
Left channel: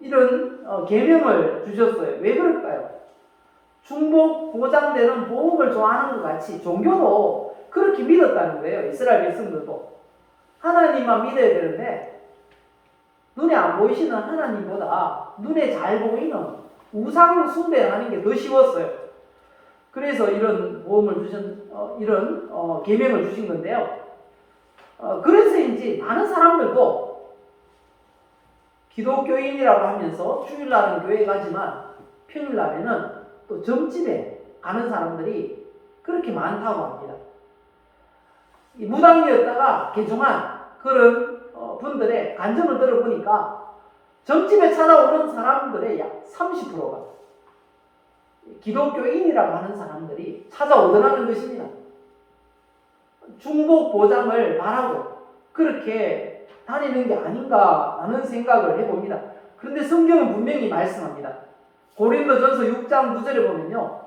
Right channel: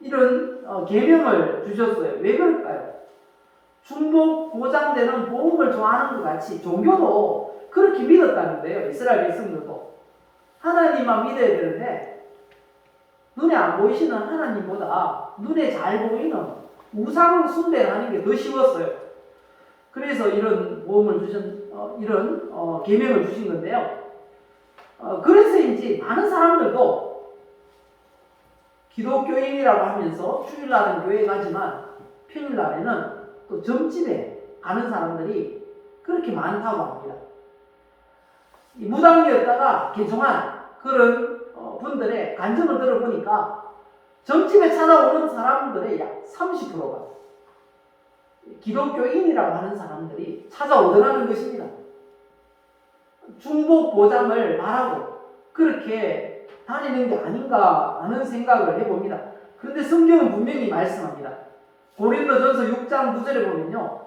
이런 계명을 주셨어요. 왜 그럴까요? 중복 보장되는 보험을 좋아하는 것 같이 종교도 그렇게 믿었다는 거예요. 이스라엘 백성들도 하나님만 믿어야 되는데 눈에 안 보이시는 하나님보다 눈에 잘 보이는 우상 숭배를 하는 게 더 쉬웠어요. 그래서 이런 보험을 주신 이런 계명을 주신 건데요. 그래서인지 많은 사람들도 기독교인이라고 하면서 주일날은 교회 가지만 평일날에는 또 점집에 가는 사람들이 그렇게 많다고 합니다. 이 무당이었다가 개종한 그런 분들의 간증을 들어보니까 점집에 찾아오는 사람들의 약 30%가 기독교인이라고 하는 사람들이 찾아오더라는 것입니다. 중복 보장을 바라고 그렇게 다니는 게 아닌가 하는 생각을 해봅니다. 그런데 성경은 분명히 말씀합니다. 고린도전서 6장 9절에 보면요,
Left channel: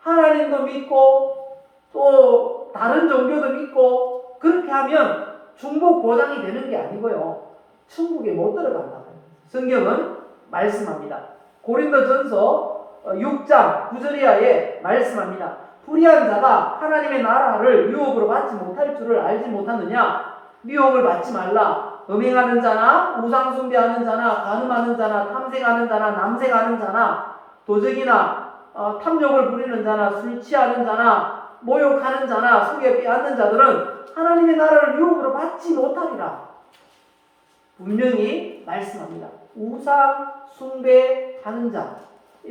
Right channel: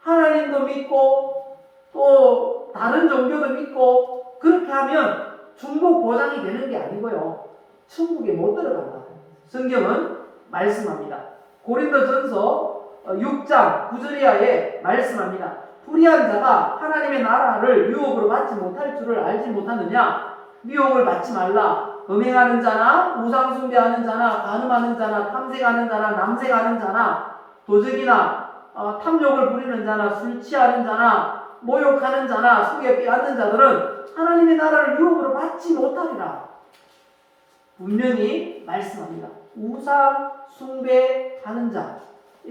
하나님도 믿고 또 다른 종교도 믿고 그렇게 하면 중복 보장이 되는 게 아니고요, 천국에 못 들어간다. 성경은 말씀합니다. 고린도전서 6장 9절 이하에 말씀합니다. 불의한 자가 하나님의 나라를 유혹으로 받지 못할 줄을 알지 못하느냐? 유혹을 받지 말라. 음행하는 자나 우상 숭배하는 자나 간음하는 자나 탐색하는 자나 남색하는 자나 도적이나 탐욕을 부리는 자나 술 취하는 자나 모욕하는 자나 속여 빼앗는 자들은 하나님의 나라를 유혹으로 받지 못하리라. 분명히 말씀합니다. 우상 숭배하는 자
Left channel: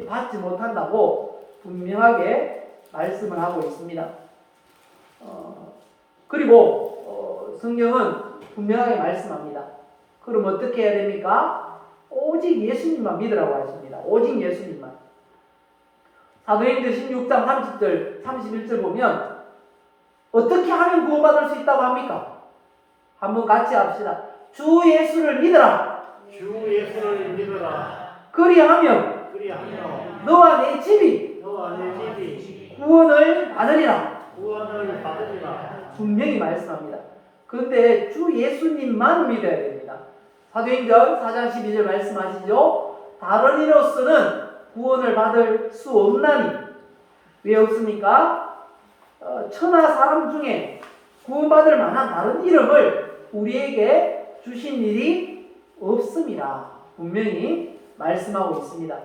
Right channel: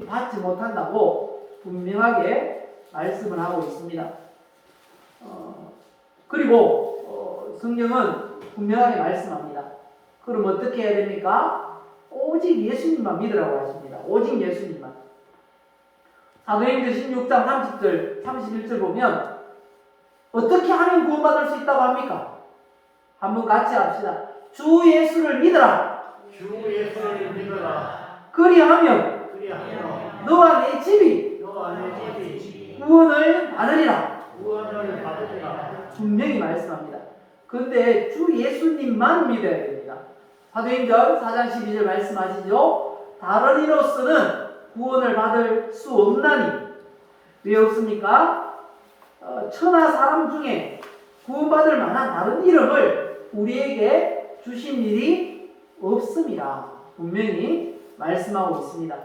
받지 못한다고 분명하게 말씀을 하고 있습니다. 그리고 성경은 분명하게 말씀합니다. 그럼 어떻게 해야 됩니까? 오직 예수님만 믿으라고 하십니다. 오직 예수님만. 사도행전 16장 30절 31절 보면 어떻게 하면 구원받을 수 있다고 합니까? 한번 같이 합시다. 주 예수를 믿어라. 주 예수를 믿어라. 그리하면 그리하면 너와 내 집이 너와 내 집이 구원을 받으리라. 구원을 받으리라. 분명히 말씀합니다. 그런데 주 예수님만 믿어야 됩니다. 사도행전 4장 12절 말씀하시죠. 다른 이로서는 구원을 받을 수 없나니. 왜 없습니까? 천하 사람 중에 구원받을 만한 다른 이름을 우리에게 주신 일이 없습니다. 분명히 말씀하고 있습니다.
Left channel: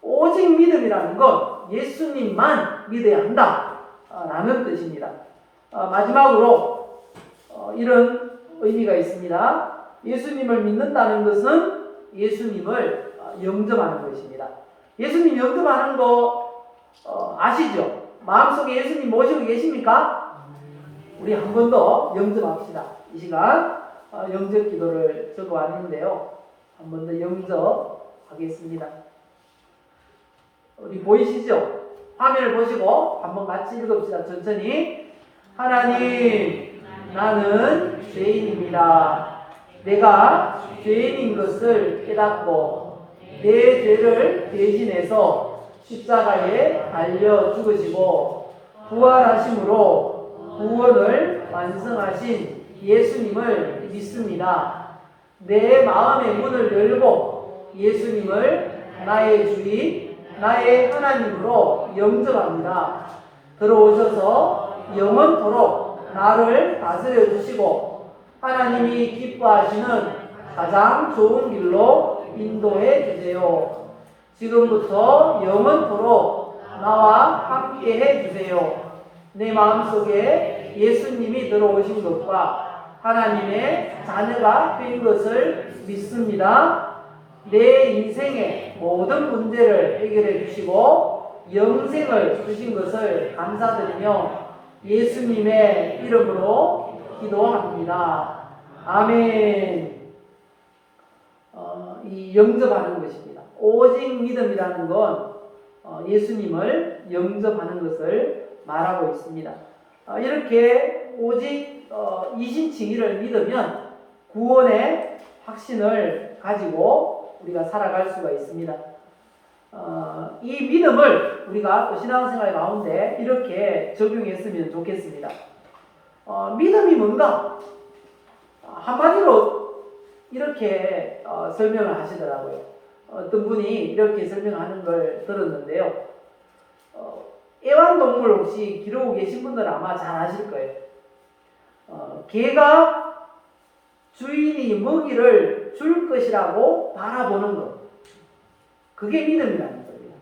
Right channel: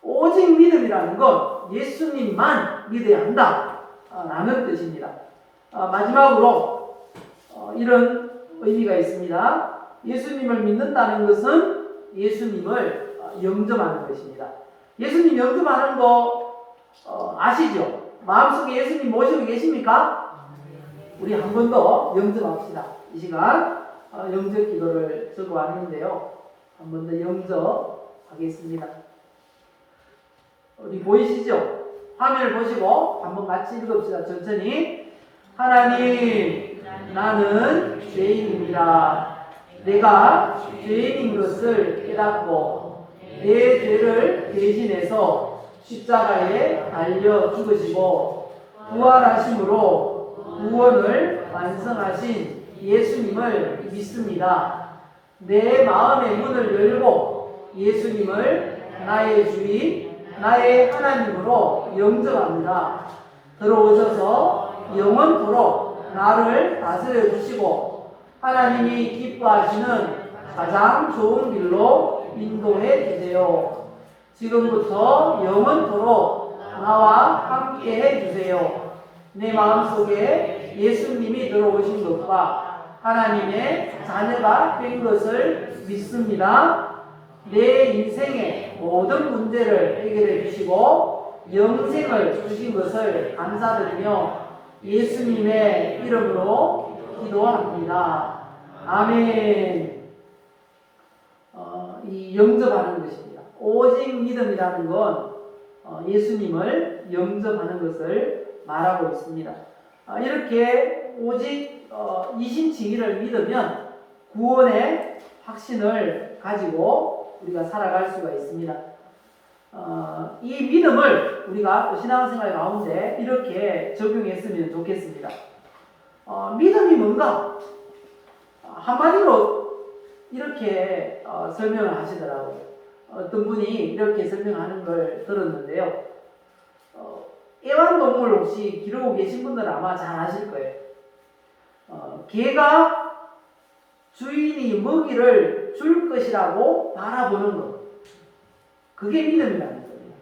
오직 믿음이라는 건 예수님만 믿어야 한다 라는 뜻입니다. 마지막으로 이런 의미가 있습니다. 예수님을 믿는다는 것은 예수님을 영접하는 것입니다. 예수님 영접하는 거 아시죠? 마음속에 예수님 모시고 계십니까? 우리 한 번 더 영접합시다. 이 시간 영접 기도를 저도 왔는데요. 한 번 더 영접하겠습니다. 우리 보이시죠? 화면을 보시고 한번 같이 읽읍시다. 천천히. 하나님, 나는 죄인입니다. 내가 죄인인 것을 깨닫고 내 죄를 대신해서 십자가에 달려 죽으시고 부활하심으로 구원을 완성하신 예수님을 믿습니다. 내 마음의 문을 열고 예수님을 나의 주인, 나의 하나님으로 영접합니다. 들어오셔서 영원토록 나를 다스려 주시고 하나님이 기뻐하시는 가장 좋은 길로 인도해 주세요. 지금부터 영원토록 나와 함께 해 주세요. 내 마음속에 예수님이 들어오신 것과 하나님의 자녀가 된 것을 믿습니다. 내 인생의 모든 문제를 해결해 주시고 영생을 주신 것을 감사드리며 예수님의 이름으로 기도합니다. 아멘. 이 영접하는 것입니다. 오직 믿음이라는 건 예수님을 영접하는 것을 말하고 있습니다. 이렇게 오직 이신칭의를 믿으면 구원의 확신을 가지고 우리가 살아갈 수가 있습니다. 이 믿음을 우리가 또 신앙생활 가운데 이렇게 적용했으면 좋겠습니다. 믿음이 뭔가? 한마디로 이렇게 설명을 하시더라고요. 어떤 분이 이렇게 설명하는 걸 들었는데요. 애완동물 혹시 기르고 계신 분들은 아마 잘 아실 거예요. 개가 주인이 먹이를 줄 것이라고 바라보는 것. 그게 믿음이라는 겁니다.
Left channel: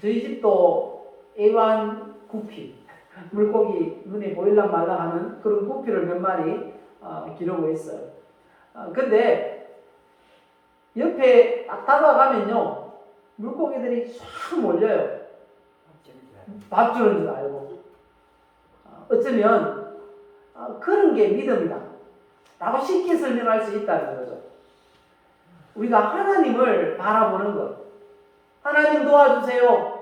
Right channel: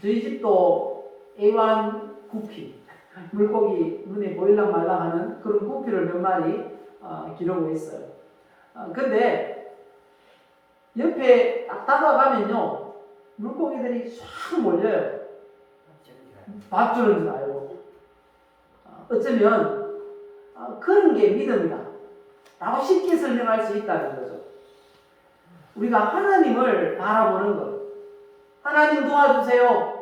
저희 집도 애완 구피, 물고기 눈에 보일랑 말랑 하는 그런 구피를 몇 마리 기르고 있어요. 근데 옆에 딱 다가가면요, 물고기들이 싹 몰려요. 밥 주는 줄 알고. 어쩌면 그런 게 믿음이다 라고 쉽게 설명할 수 있다는 거죠. 우리가 하나님을 바라보는 것, 하나님 도와주세요,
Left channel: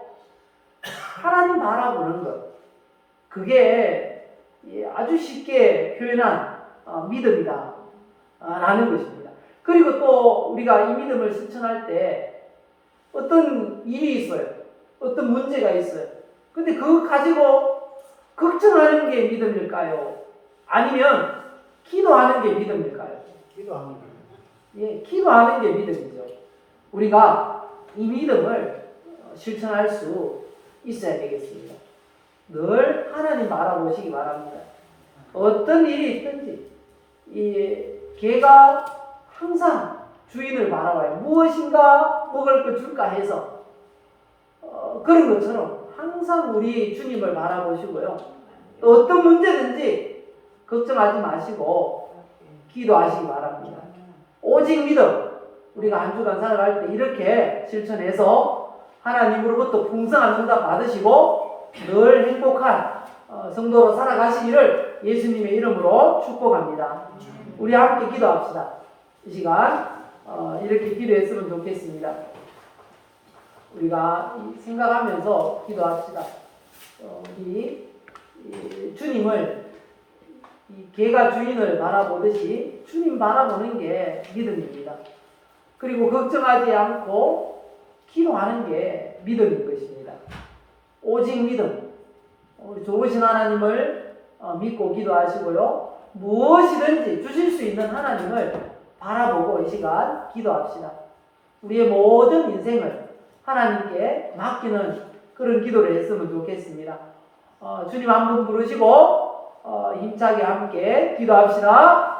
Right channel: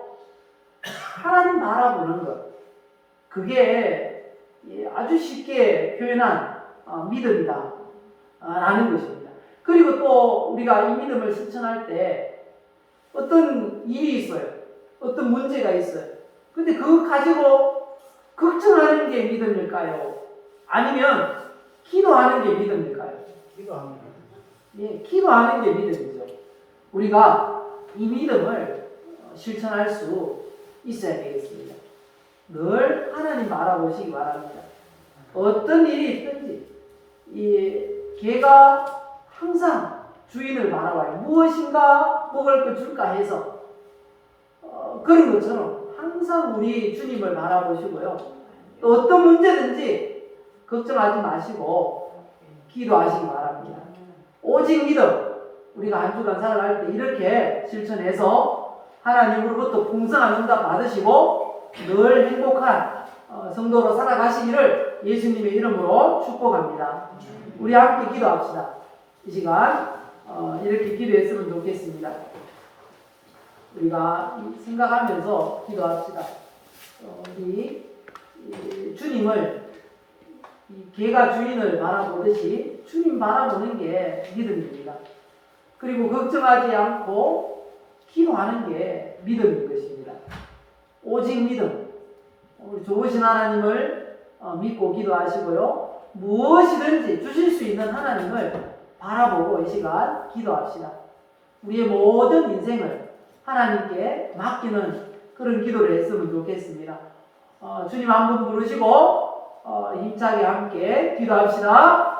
하나님 바라보는 것, 그게 아주 쉽게 표현한 믿음이다 라는 것입니다. 그리고 또 우리가 이 믿음을 실천할 때 어떤 일이 있어요, 어떤 문제가 있어요. 근데 그거 가지고 걱정하는 게 믿음일까요? 아니면 기도하는 게 믿음일까요? 기도하는 것. 예, 기도하는 게 믿음이죠. 우리가 이 믿음을 실천할 수 있어야 되겠습니다. 늘 하나님 바라보시기 바랍니다. 어떤 일이 있든지 이 개가 항상 주인을 바라봐요. 무엇인가 먹을 거 줄까 해서 그런 것처럼 항상 우리 주님을 바라보시고요. 또 어떤 문제든지 걱정하지 마시고 기도하시기 바랍니다. 오직 믿음, 우리가 한 주간 살아갈 때 이렇게 실천해서 하나님으로부터 풍성한 응답 받으시고 늘 행복한 성도로 살아가시기를 예수님의 이름으로 축복합니다. 우리 함께 기도합시다. 이 시간 이렇게 기도했으면 좋겠습니다. 우리가 생각하면서 기도합시다. 우리 주님을 이 개가 주인을 바라보듯이 주님 바라보는 게 믿음입니다. 그리고 걱정하지 않고 기도하는 게 믿음인 것입니다. 오직 믿음. 우리 좋으신 하나님을 믿고 기도하시고요. 무엇이든지 주실 수 있는 하나님을 바라보고 이 시간 기도합시다. 우리의 모든 인생을 하나님께 맡기는 그런 기도를 했으면 좋겠습니다. 주님 한 분 부르시고 힘차게 함께 기도합시다.